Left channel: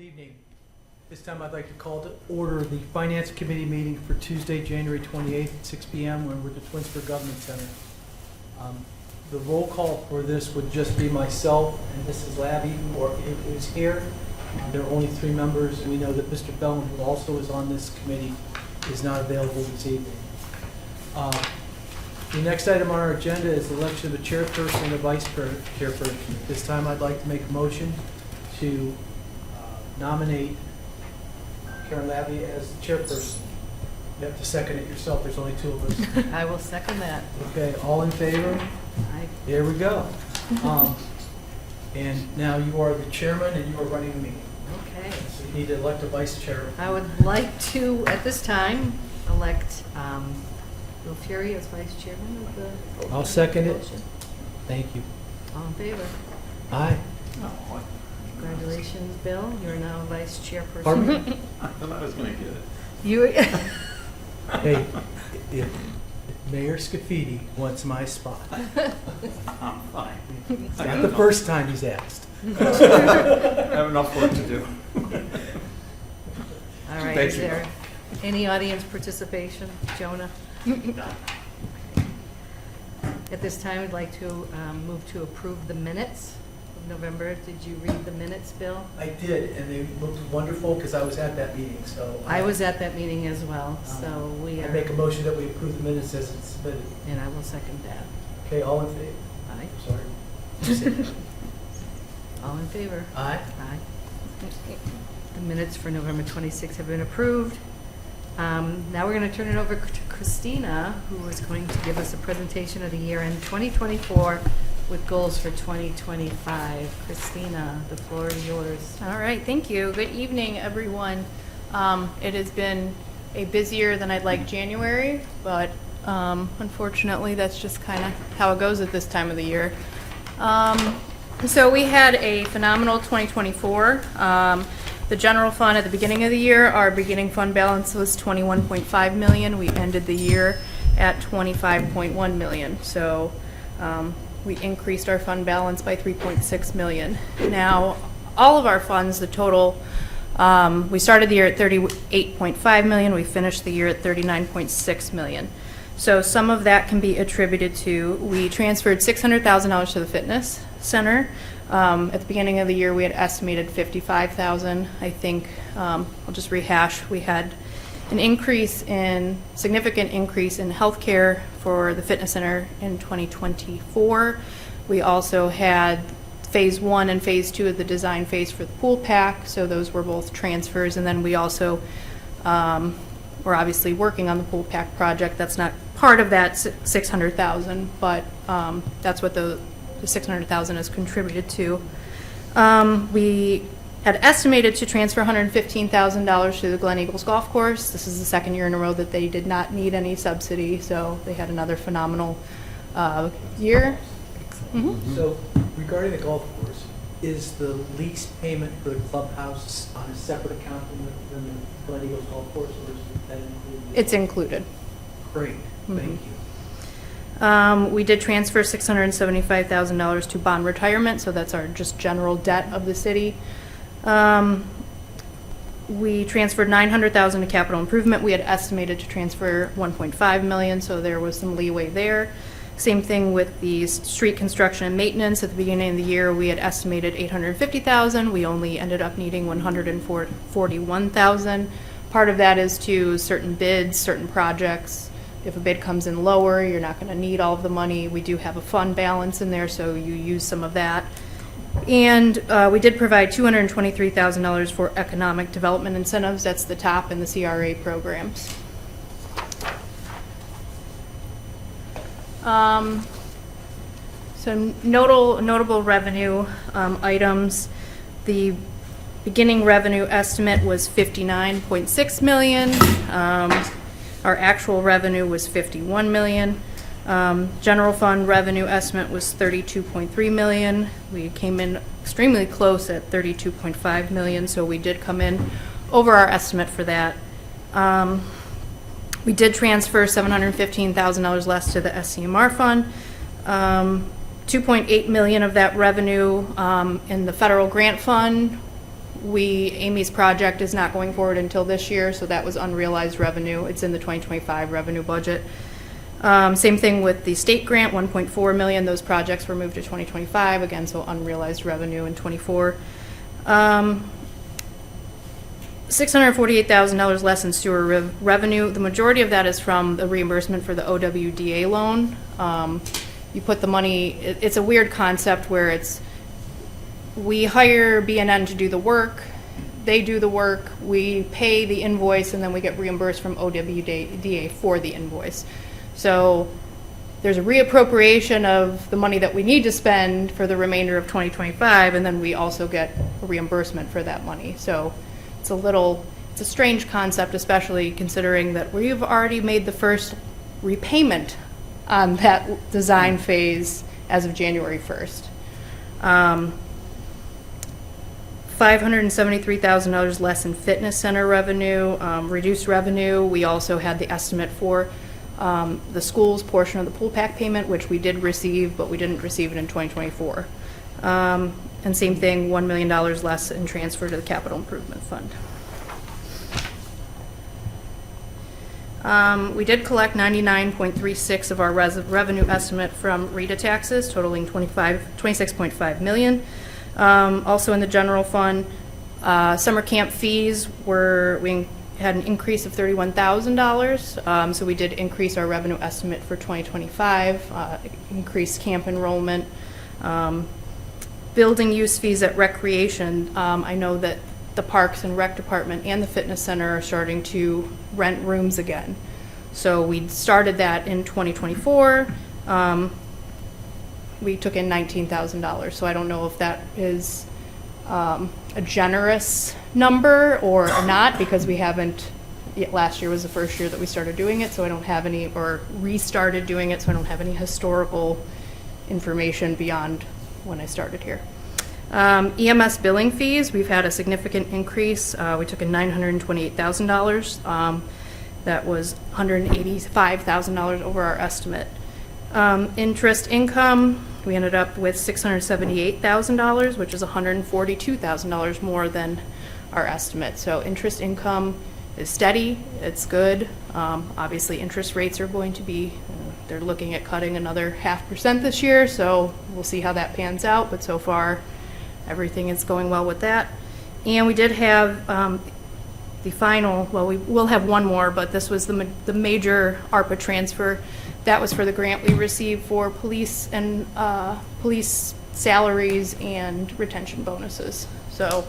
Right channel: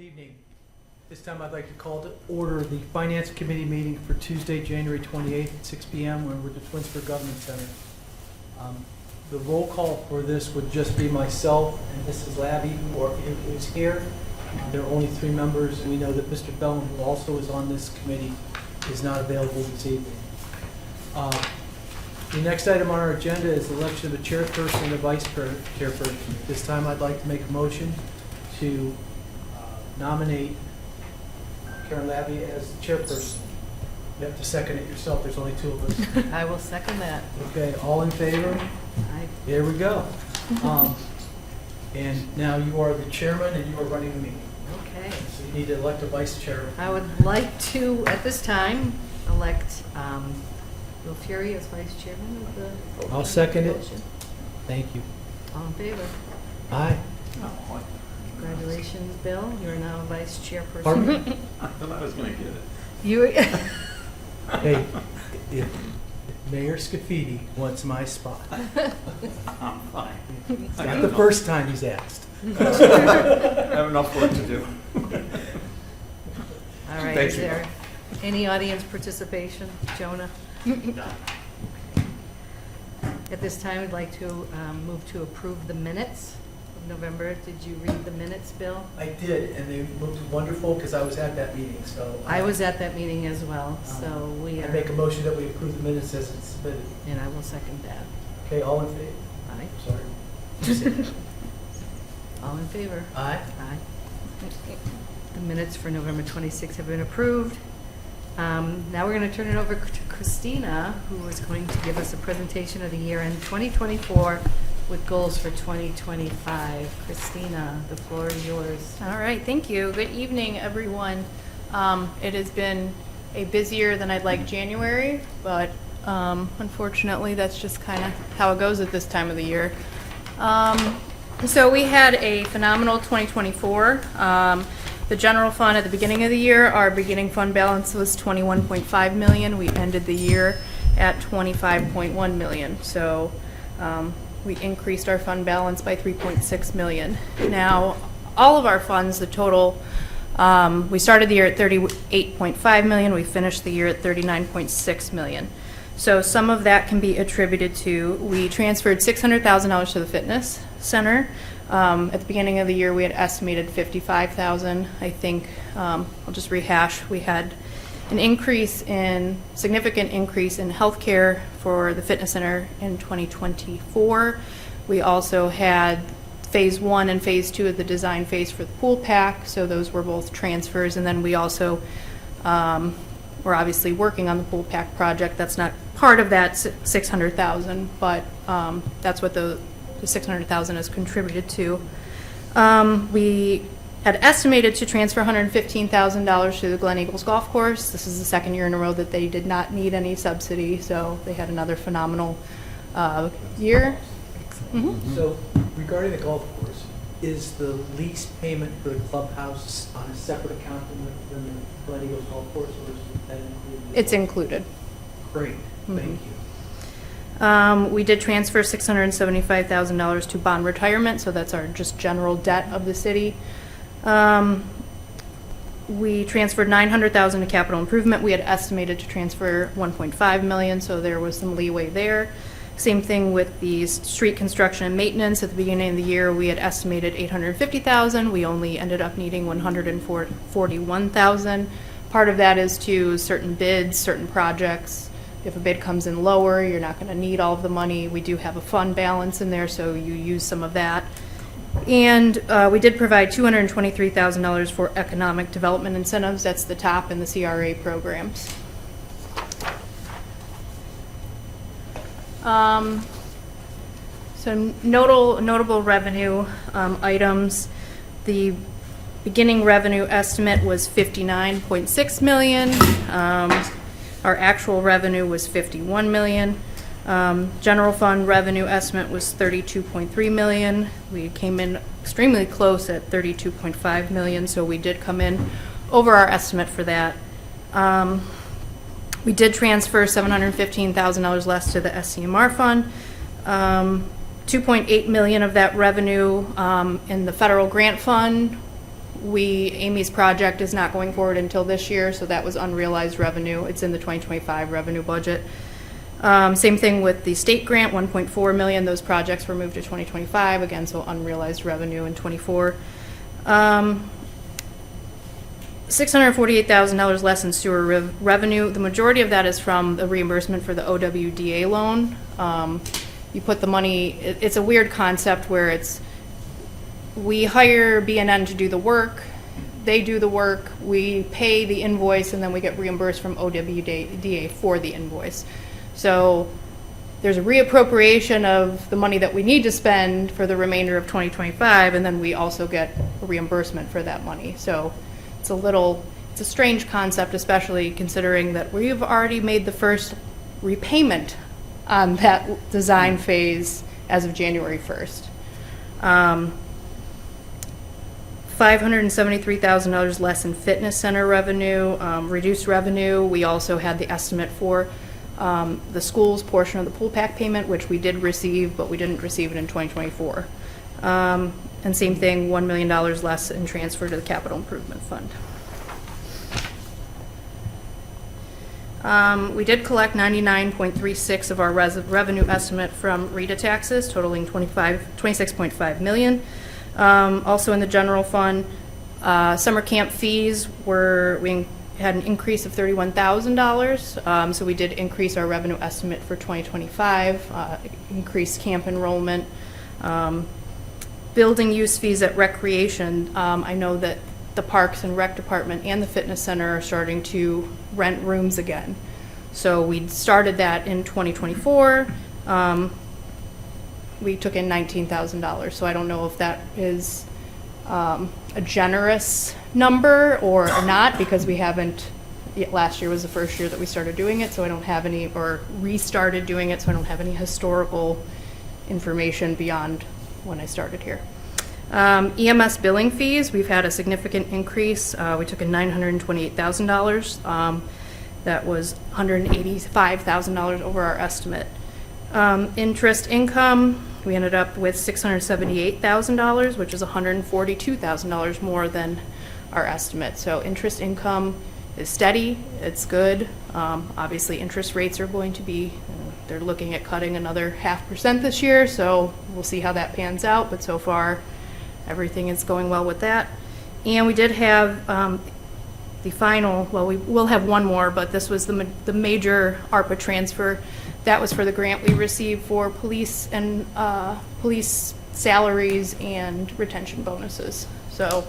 Good evening. This time I'd like to call to order the Finance Committee meeting for Tuesday, January 28th at 6 p.m. when we're at the Twinsburg Government Center. The roll call for this would just be myself and Mrs. Labby, who is here. There are only 3 members, and we know that Mr. Bellman, who also is on this committee, is not available this evening. The next item on our agenda is the election of the chairperson and the vice chairperson. This time I'd like to make a motion to nominate Karen Labby as chairperson. You have to second it yourself. There's only 2 of us. I will second that. Okay, all in favor? Aye. There we go. And now you are the chairman and you are running the meeting. Okay. So you need to elect a vice chair. I would like to, at this time, elect Bill Fury as vice chairman of the... I'll second it. Thank you. All in favor? Aye. Congratulations, Bill. You're now vice chairperson. Pardon? I thought I was going to get it. You... Hey, if Mayor Scafidi wants my spot. I'm fine. It's not the first time he's asked. I have enough work to do. All right, Thank is you. there any audience participation? Jonah? At this time, I'd like to move to approve the minutes. November, did you read the minutes, Bill? I did, and they looked wonderful because I was at that meeting. So I was at that meeting as well, so we I are... make a motion that we approve the minutes as it's submitted. And I will second that. Okay, all in favor? Aye. Sorry. Just say- All in favor? Aye. Aye. The minutes for November 26th have been approved. Now we're going to turn it over to Christina, who is going to give us a presentation of the year-end 2024 with goals for 2025. Christina, the floor is yours. All right, thank you. Good evening, everyone. It has been a busier than I'd like January, but unfortunately, that's just kind of how it goes at this time of the year. So we had a phenomenal 2024. The general fund at the beginning of the year, our beginning fund balance was $21.5 million. We ended the year at $25.1 million. So we increased our fund balance by $3.6 million. Now, all of our funds, the total, we started the year at $38.5 million. We finished the year at $39.6 million. So some of that can be attributed to, we transferred $600,000 to the fitness center. At the beginning of the year, we had estimated $55,000. I think, I'll just rehash, we had an significant increase in healthcare for the fitness center in 2024. We also had phase 1 and phase 2 of the design phase for the pool pack, so those were both transfers. And then we also we're obviously working on the pool pack project. That's not part of that $600,000, but that's what the $600,000 is contributed to. We had estimated to transfer $115,000 to the Glen Eagles Golf Course. This is the second year in a row that they did not need any subsidy, so they had another phenomenal year. Mm-hmm. So regarding the golf course, is the lease payment for the clubhouse on a separate account than the Glen Eagles Golf Course, or is that included? It's included. Great, thank you. We did transfer $675,000 to bond retirement, so that's our just general debt of the city. We transferred $900,000 to capital improvement. We had estimated to transfer $1.5 million, so there was some leeway there. Same thing with the street construction and maintenance. At the beginning of the year, we had estimated $850,000. We only ended up needing $141,000. Part of that is to certain bids, certain projects. If a bid comes in lower, you're not going to need all of the money. We do have a fund balance in there, so you use some of that. And we did provide $223,000 for economic development incentives. That's the top in the CRA programs. So notable revenue items. The beginning revenue estimate was $59.6 million. Our actual revenue was $51 million. General fund revenue estimate was $32.3 million. We came in extremely close at $32.5 million, so we did come in over our estimate for that. We did transfer $715,000 less to the SCMR fund. $2.8 million of that revenue in the federal grant fund Amy's project is not going forward until this year, so that was unrealized revenue. It's in the 2025 revenue budget. Same thing with the state grant, 1.4 million. Those projects were moved to 2025 again, so unrealized revenue in 24. $648,000 less in sewer revenue. The majority of that is from the reimbursement for the OWDA loan. You put the money. It's a weird concept where we hire BNN to do the work. They do the work. We pay the invoice, and then we get reimbursed from OWDA for the invoice. So there's a reappropriation of the money that we need to spend for the remainder of 2025, and then we also get a reimbursement for that money. So it's a strange concept, especially considering that we've already made the first repayment on that design phase as of January 1st. $573,000 less in fitness center revenue, reduced revenue. We also had the estimate for the school's portion of the pool pack payment, which we did receive, but we didn't receive it in 2024. And same thing, $1 million less in transfer to the capital improvement fund. We did collect 99.36 of our revenue estimate from RETA taxes, totaling 26.5 million. Also in the general fund, summer camp fees we had an increase of $31,000. So we did increase our revenue estimate for 2025, increased camp enrollment. Building use fees at recreation. I know that the Parks and Rec Department and the Fitness Center are starting to rent rooms again. So we started that in 2024. We took in $19,000. So I don't know if that is a generous number or not, because we haven't, last year was the first year that we started doing it, so I don't have any, or restarted doing it, so I don't have any historical information beyond when I started here. EMS billing fees, we've had a significant increase. We took in $928,000. That was $185,000 over our estimate. Interest income, we ended up with $678,000, which is $142,000 more than our estimate. So interest income is steady, it's good. Obviously interest rates are going to be, they're looking at cutting another 0.5% this year, so we'll see how that pans out, but so far everything is going well with that. And we did have the final, well, we will have one more, but this was the major ARPA transfer. That was for the grant we received for police and police salaries and retention bonuses. So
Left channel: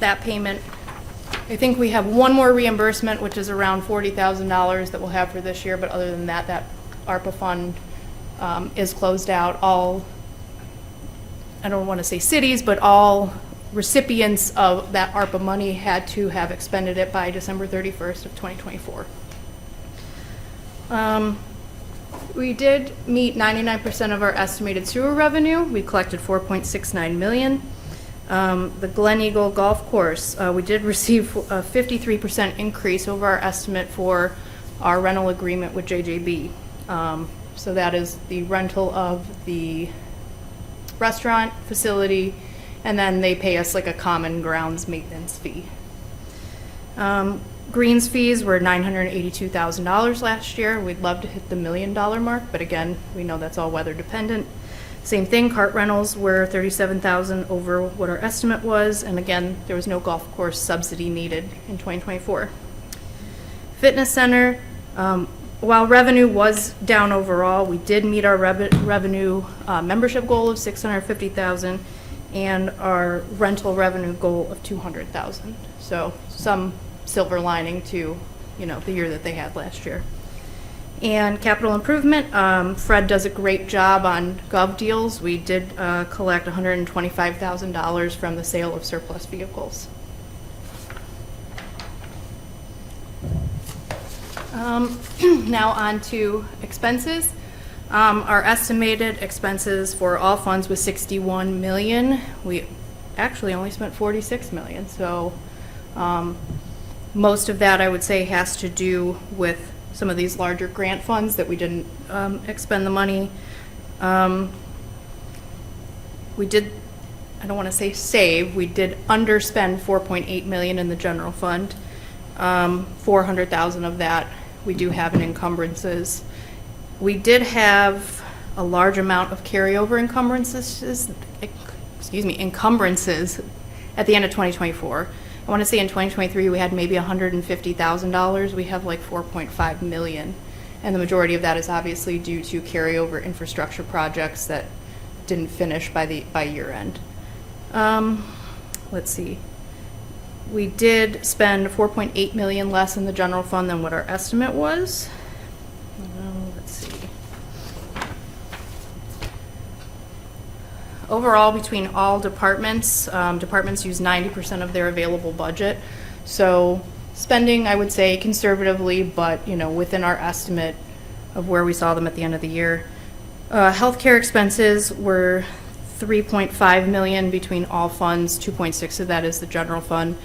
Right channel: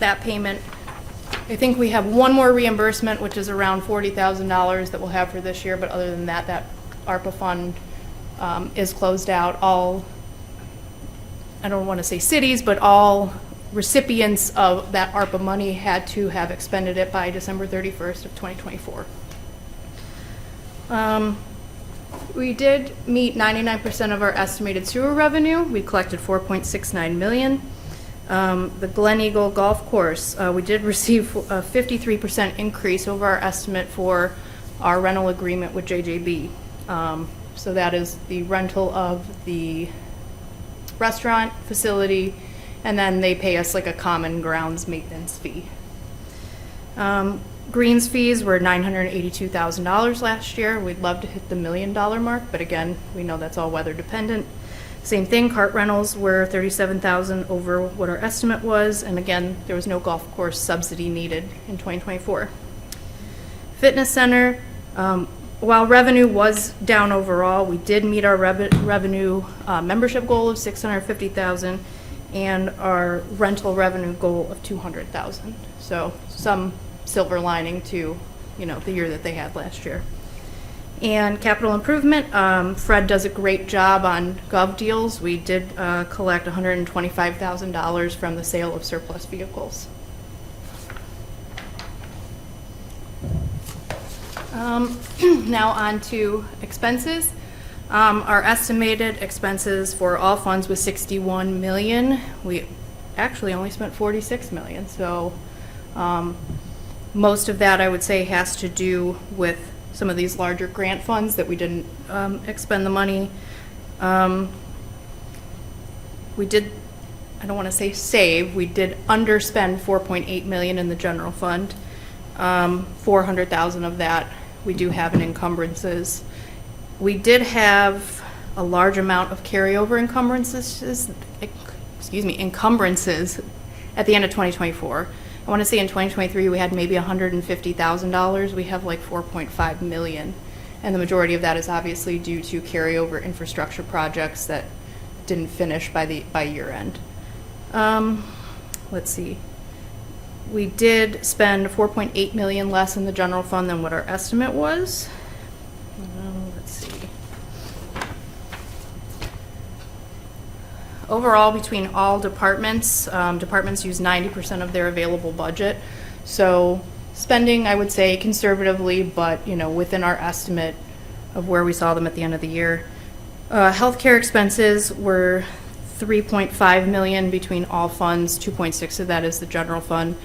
that payment, I think we have one more reimbursement, which is around $40,000 that we'll have for this year, but other than that, that ARPA fund is closed out. All, I don't want to say cities, but all recipients of that ARPA money had to have expended it by December 31st of 2024. We did meet 99% of our estimated sewer revenue. We collected $4.69 million. The Glen Eagle Golf Course, we did receive a 53% increase over our estimate for our rental agreement with JJB. So that is the rental of the restaurant facility, and then they pay us like a common grounds maintenance fee. Greens fees were $982,000 last year. We'd love to hit the $1 million mark, but again, we know that's all weather dependent. Same thing, cart rentals were $37,000 over what our estimate was, and again, there was no golf course subsidy needed in 2024. Fitness center, while revenue was down overall, we did meet our revenue membership goal of $650,000 and our rental revenue goal of $200,000. So some silver lining to, the year that they had last year. And capital improvement, Fred does a great job on gov deals. We did collect $125,000 from the sale of surplus vehicles. Now on to expenses. Our estimated expenses for all funds was $61 million. We actually only spent $46 million. So most of that, I would say, has to do with some of these larger grant funds that we didn't expend the money. We did, I don't want to say save, we did underspend 4.8 million in the general fund. 400,000 of that we do have in encumbrances. We did have a large amount of carryover encumbrances at the end of 2024. I want to say in 2023 we had maybe $150,000. We have like 4.5 million, and the majority of that is obviously due to carryover infrastructure projects that didn't finish by year end. Let's see. We did spend 4.8 million less in the general fund than what our estimate was. Let's see. Overall, between all departments, departments use 90% of their available budget. So spending, I would say, conservatively, but within our estimate of where we saw them at the end of the year. Healthcare expenses were 3.5 million between all funds. 2.6 of that is the general fund.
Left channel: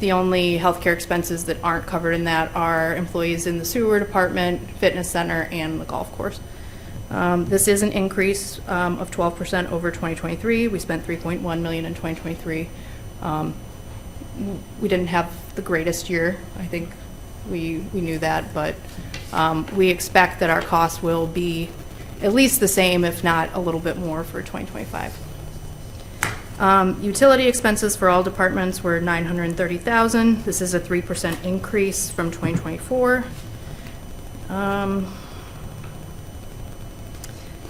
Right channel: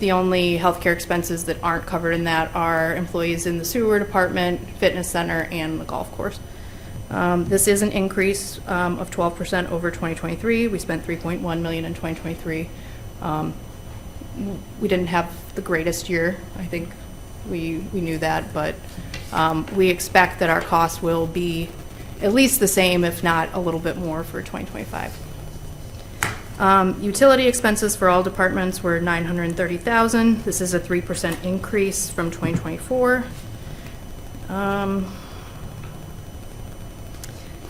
The only healthcare expenses that aren't covered in that are employees in the sewer department, fitness center, and the golf course. This is an increase of 12% over 2023. We spent 3.1 million in 2023. We didn't have the greatest year. I think we knew that, but we expect that our costs will be at least the same, if not a little bit more, for 2025. Utility expenses for all departments were 930,000. This is a 3% increase from 2024.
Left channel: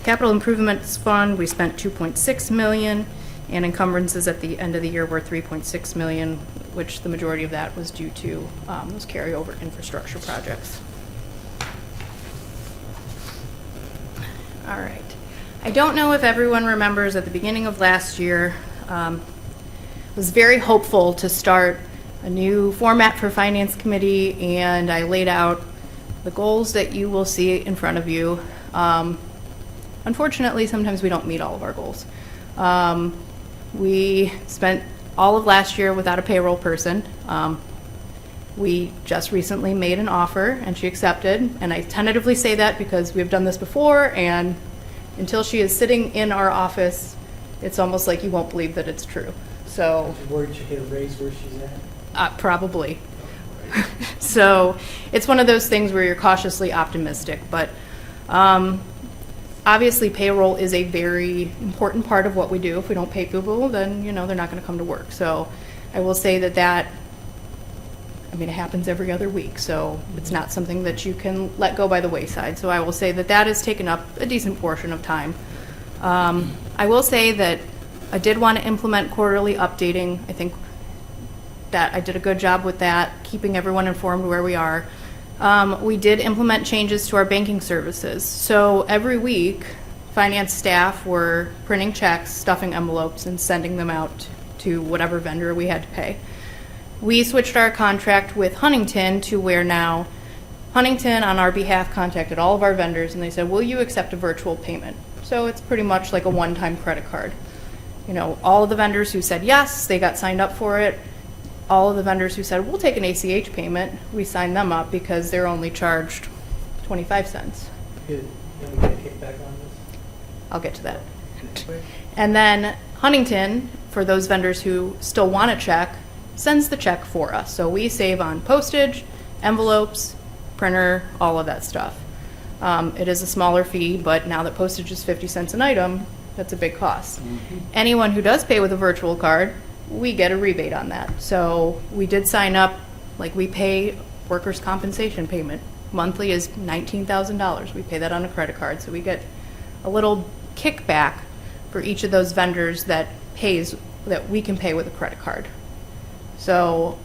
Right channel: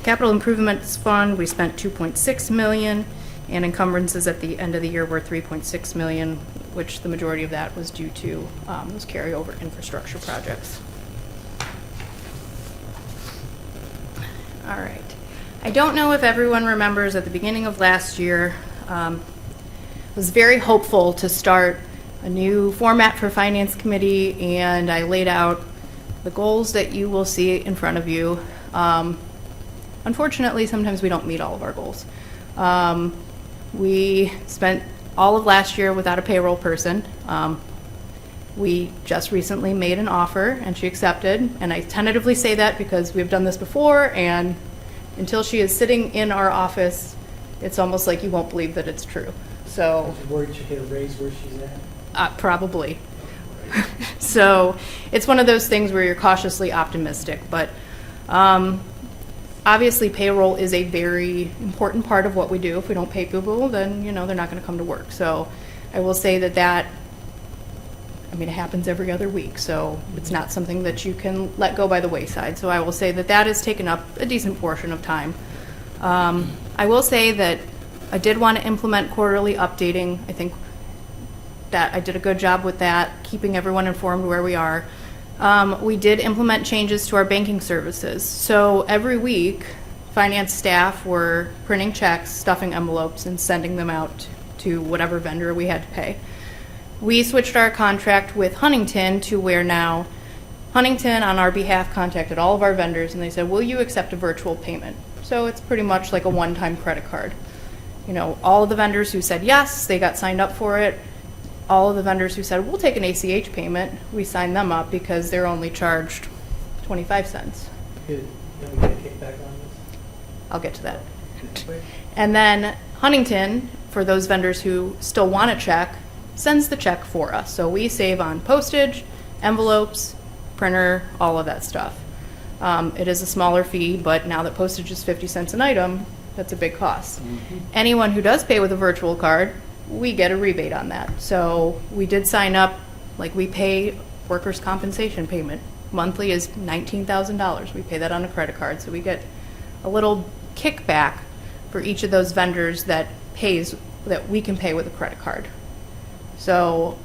Capital Improvements Fund, we spent 2.6 million, and encumbrances at the end of the year were 3.6 million, which the majority of that was due to those carryover infrastructure projects. All right. I don't know if everyone remembers at the beginning of last year, was very hopeful to start a new format for Finance Committee, and I laid out the goals that you will see in front of you. Unfortunately, sometimes we don't meet all of our goals. We spent all of last year without a payroll person. We just recently made an offer, and she accepted, and I tentatively say that because we've done this before, and until she is sitting in our office, it's almost like you won't believe that it's true. So, I'm worried she get a raise where she's at. Probably. So it's one of those things where you're cautiously optimistic, but obviously payroll is a very important part of what we do. If we don't pay people, then they're not going to come to work. So I will say that it happens every other week, so it's not something that you can let go by the wayside. So I will say that has taken up a decent portion of time. I will say that I did want to implement quarterly updating. I think that I did a good job with that, keeping everyone informed where we are. We did implement changes to our banking services. So every week, finance staff were printing checks, stuffing envelopes, and sending them out to whatever vendor we had to pay. We switched our contract with Huntington to where now Huntington, on our behalf, contacted all of our vendors, and they said, will you accept a virtual payment? So it's pretty much like a one-time credit card. All of the vendors who said yes, they got signed up for it. All of the vendors who said, we'll take an ACH payment, we signed them up because they're only charged 25 cents. Good. And we get a kickback on this. I'll get to that. And then Huntington, for those vendors who still want a check, sends the check for us. So we save on postage, envelopes, printer, all of that stuff. It is a smaller fee, but now that postage is 50 cents an item, that's a big cost. Mm-hmm. Anyone who does pay with a virtual card, we get a rebate on that. So we did sign up, like we pay workers' compensation payment. Monthly is $19,000. We pay that on a credit card. So we get a little kickback for each of those vendors that we can pay with a credit card. So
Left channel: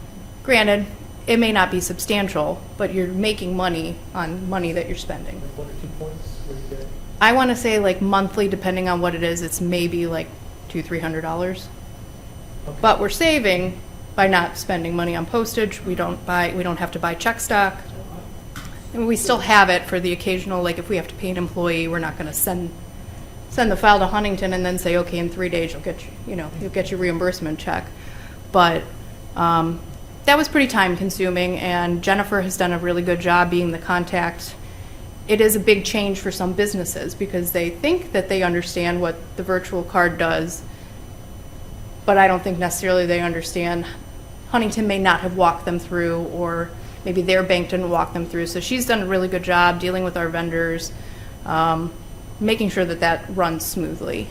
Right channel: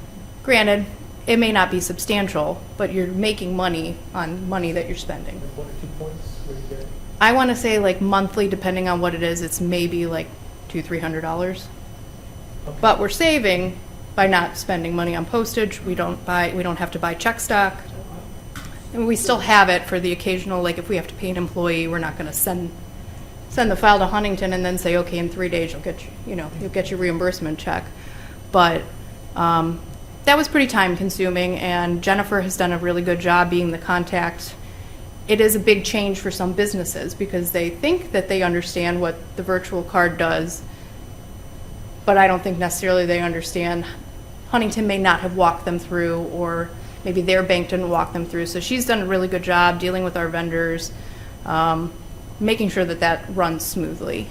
granted, it may not be substantial, but you're making money on money that you're spending. 1 or 2 points? Where do you get it? I want to say like monthly, depending on what it is, it's maybe like $200-300. Okay. But we're saving by not spending money on postage. We don't have to buy check stock. I mean, we still have it for the occasional, like if we have to pay an employee, we're not going to send the file to Huntington and then say, okay, in 3 days you'll get your reimbursement check. But that was pretty time consuming, and Jennifer has done a really good job being the contact. It is a big change for some businesses because they think that they understand what the virtual card does, but I don't think necessarily they understand. Huntington may not have walked them through, or maybe their bank didn't walk them through. So she's done a really good job dealing with our vendors, making sure that that runs smoothly.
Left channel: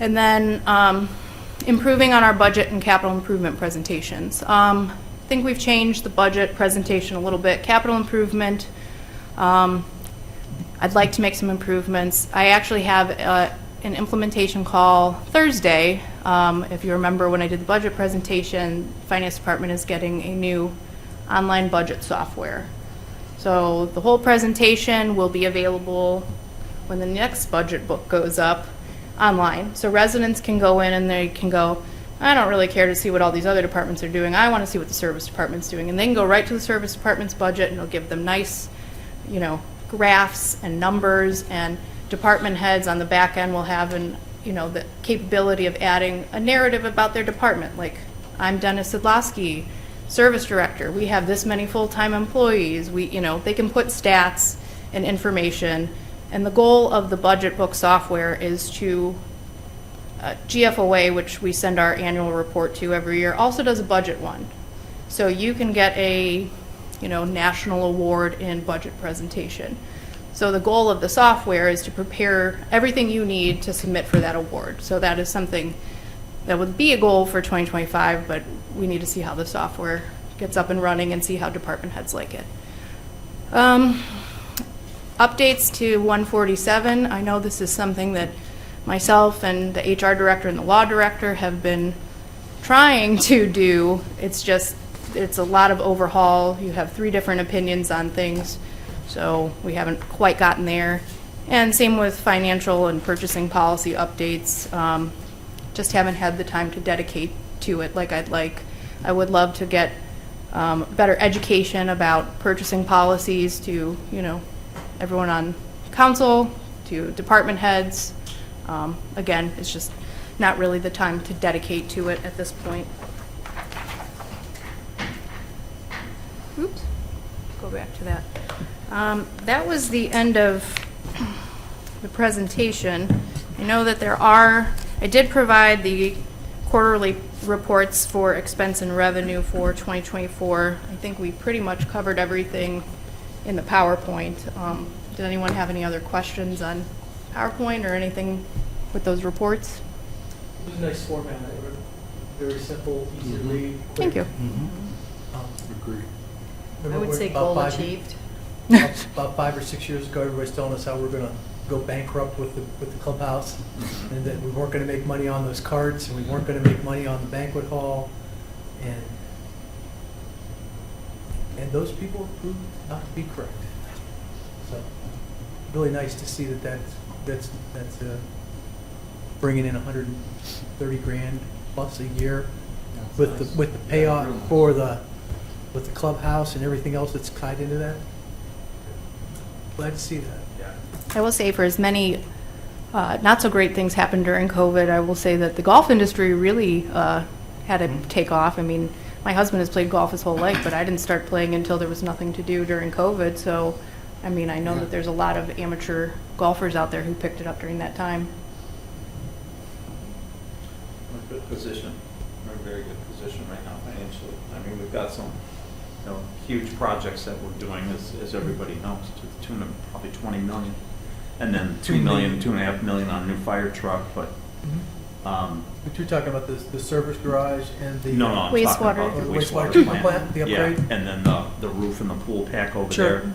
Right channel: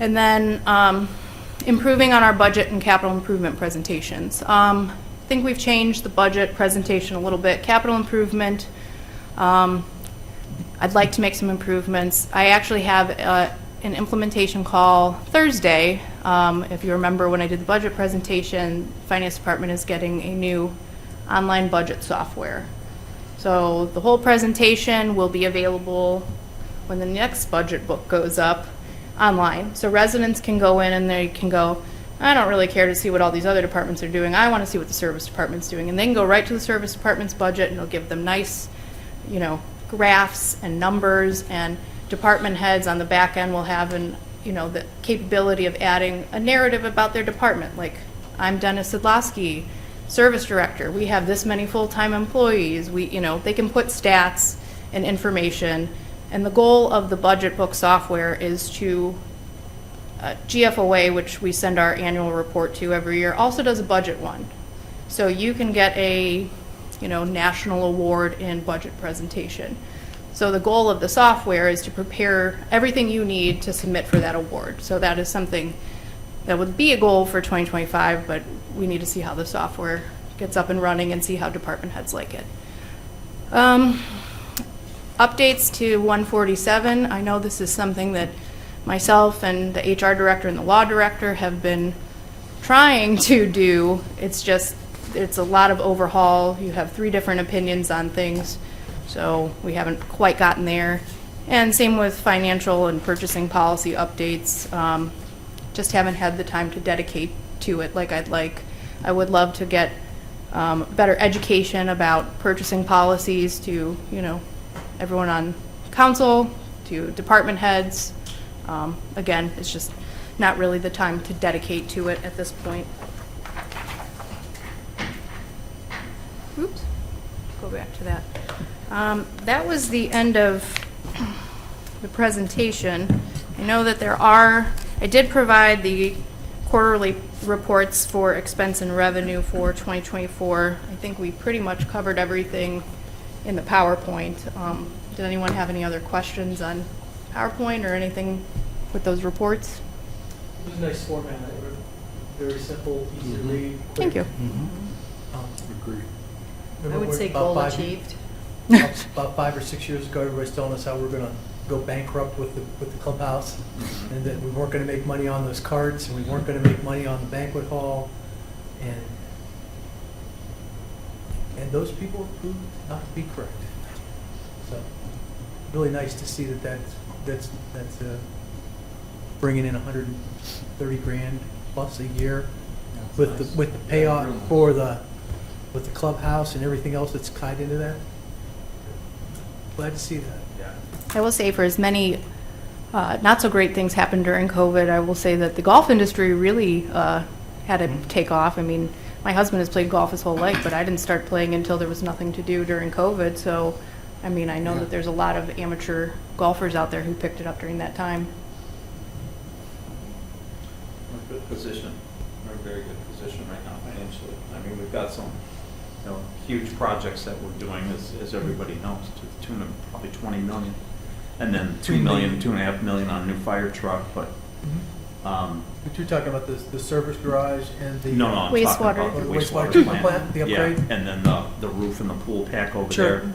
And then improving on our budget and capital improvement presentations. I think we've changed the budget presentation a little bit. Capital improvement, I'd like to make some improvements. I actually have an implementation call Thursday. If you remember when I did the budget presentation, the Finance Department is getting a new online budget software. So the whole presentation will be available when the next budget book goes up online. So residents can go in and they can go, I don't really care to see what all these other departments are doing. I want to see what the service department's doing. And they can go right to the service department's budget, and it'll give them nice, graphs and numbers, and department heads on the back end will have the capability of adding a narrative about their department. Like, I'm Dennis Sidlowski, service director. We have this many full-time employees. They can put stats and information. And the goal of the budget book software is to GFOA, which we send our annual report to every year, also does a budget one. So you can get a national award in budget presentation. So the goal of the software is to prepare everything you need to submit for that award. So that is something that would be a goal for 2025, but we need to see how the software gets up and running and see how department heads like it. Updates to 147. I know this is something that myself and the HR director and the law director have been trying to do. It's a lot of overhaul. You have 3 different opinions on things, so we haven't quite gotten there. And same with financial and purchasing policy updates. Just haven't had the time to dedicate to it like I'd like. I would love to get better education about purchasing policies to, everyone on council, to department heads. Again, it's just not really the time to dedicate to it at this point. Oops, go back to that. That was the end of the presentation. I know that I did provide the quarterly reports for expense and revenue for 2024. I think we pretty much covered everything in the PowerPoint. Did anyone have any other questions on PowerPoint or anything with those reports? It was a nice format. Very simple, easy to read. Thank you. Agree. I would say goal achieved. About 5 or 6 years ago, everybody's telling us how we're going to go bankrupt with the clubhouse, and that we weren't going to make money on those carts, and we weren't going to make money on the banquet hall, and those people proved not to be correct. So really nice to see that's bringing in 130 grand plus a year with the payoff with the clubhouse and everything else that's tied into that. Glad to see that. I will say, for as many not so great things happened during COVID, I will say that the golf industry really had a take off. I mean, my husband has played golf his whole life, but I didn't start playing until there was nothing to do during COVID. So, I mean, I know that there's a lot of amateur golfers out there who picked it up during that time. We're in a good position. We're in a very good position right now financially. I mean, we've got some huge projects that we're doing, as everybody knows, to the tune of probably 20 million. And then $2.5 million on a new fire truck. But But you're talking about the service garage and the no, I'm Wastewater. talking about the wastewater wastewater treatment plant. plant, the upgrade? Yeah, and then the roof and the pool pack over Sure. there.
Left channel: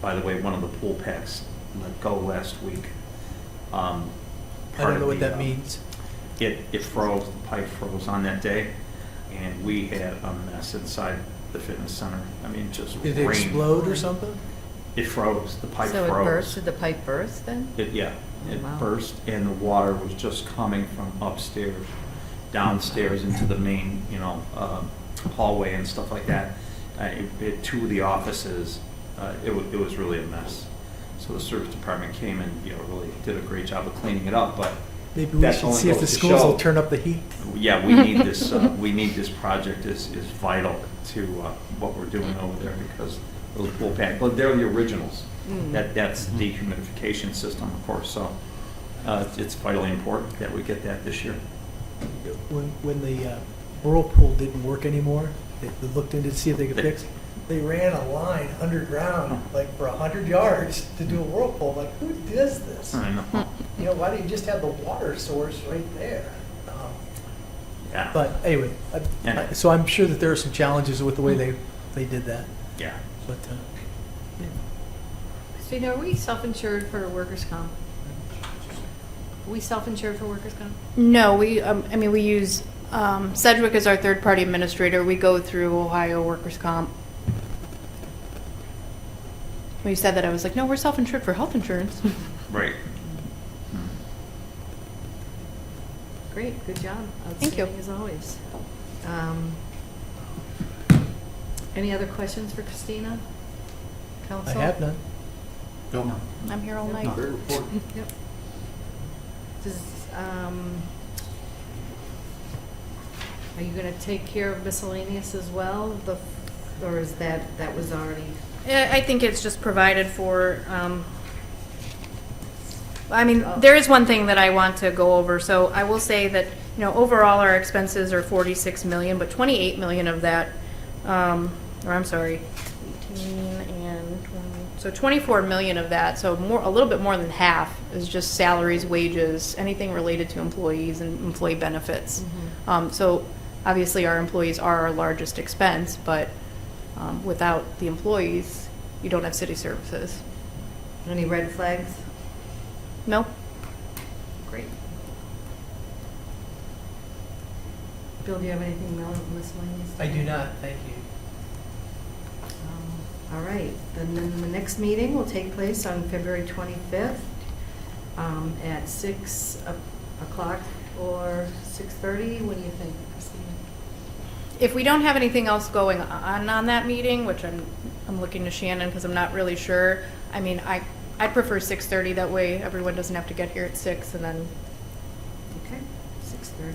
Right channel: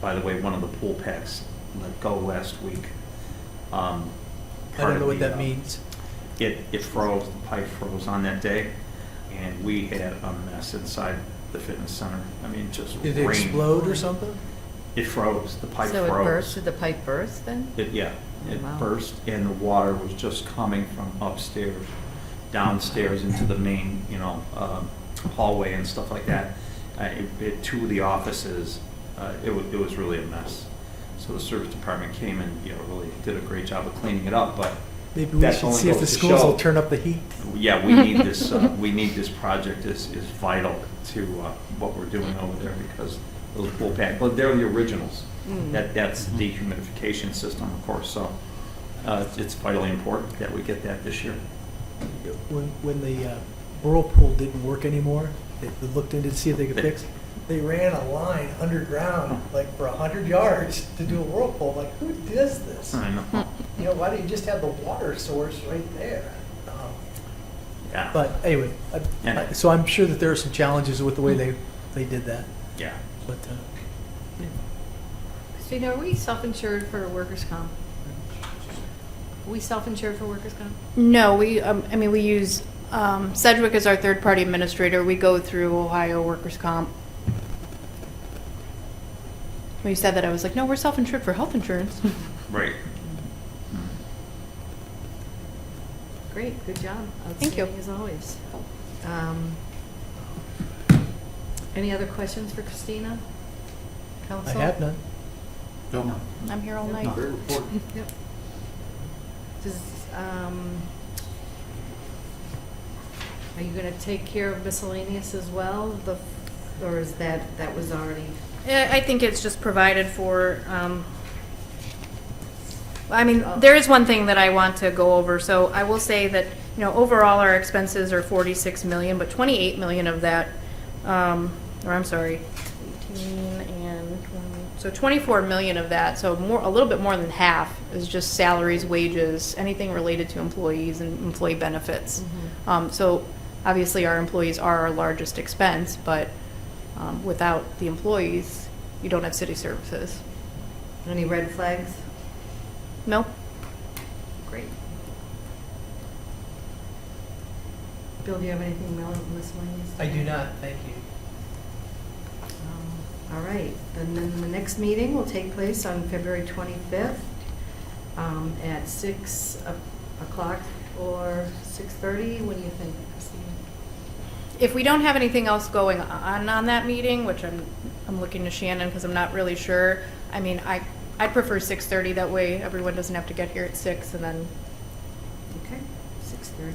By the way, one of the pool packs let go last week. I don't know what that means. It froze, the pipe froze on that day, and we had a mess inside the fitness center. I mean, just Did it rained. explode or something? It froze, the pipe So it froze. burst, did the pipe burst then? It Wow. burst, and the water was just coming from upstairs, downstairs into the main, hallway and stuff like that. Two of the offices, it was really a mess. So the service department came and really did a great job of cleaning it up. But Maybe we That should only see if the goes to schools show. will turn up the heat. yeah, we need this. We need this project is vital to what we're doing over there, because those pool packs, well, they're the originals. That's dehumidification system, of course. So it's vitally important that we get that this year. when the whirlpool didn't work anymore, they looked into to see if they could fix it. They ran a line underground, like for 100 yards, to do a whirlpool. Like, who does this? I know. You know, why don't you just have the water source right there? Yeah. But anyway, Yeah. so I'm sure that there are some challenges with the way they did that. Yeah. But Christina, are we self-insured for workers' comp? Are we self-insured for workers' comp? No, we use Sedgwick as our third-party administrator. We go through Ohio Workers' Comp. When you said that, I was like, no, we're self-insured for health insurance. Right. Great, good job. Thank you. Outstanding as always. Any other questions for Christina? I Council? have none. No. I'm here all night. Another report. Yep. Does, are you gonna take care of miscellaneous as well? Or is that was already? I think it's just provided for. There is one thing that I want to go over. So I will say that overall our expenses are 46 million, but 28 million of that, or I'm sorry, 18 and 20, so 24 million of that. So a little bit more than half is just salaries, wages, anything related to employees and employee benefits. So obviously our employees are our largest expense, but without the employees, you don't have city services. Any red flags? Nope. Great. Bill, do you have anything miscellaneous? I do not, thank you. All right, and then the next meeting will take place on February 25th at 6 o'clock or 6:30. What do you think, Christine? If we don't have anything else going on that meeting, which I'm looking to Shannon because I'm not really sure. I mean, I'd prefer 6:30. That way everyone doesn't have to get here at 6 and then. Okay, 6:30.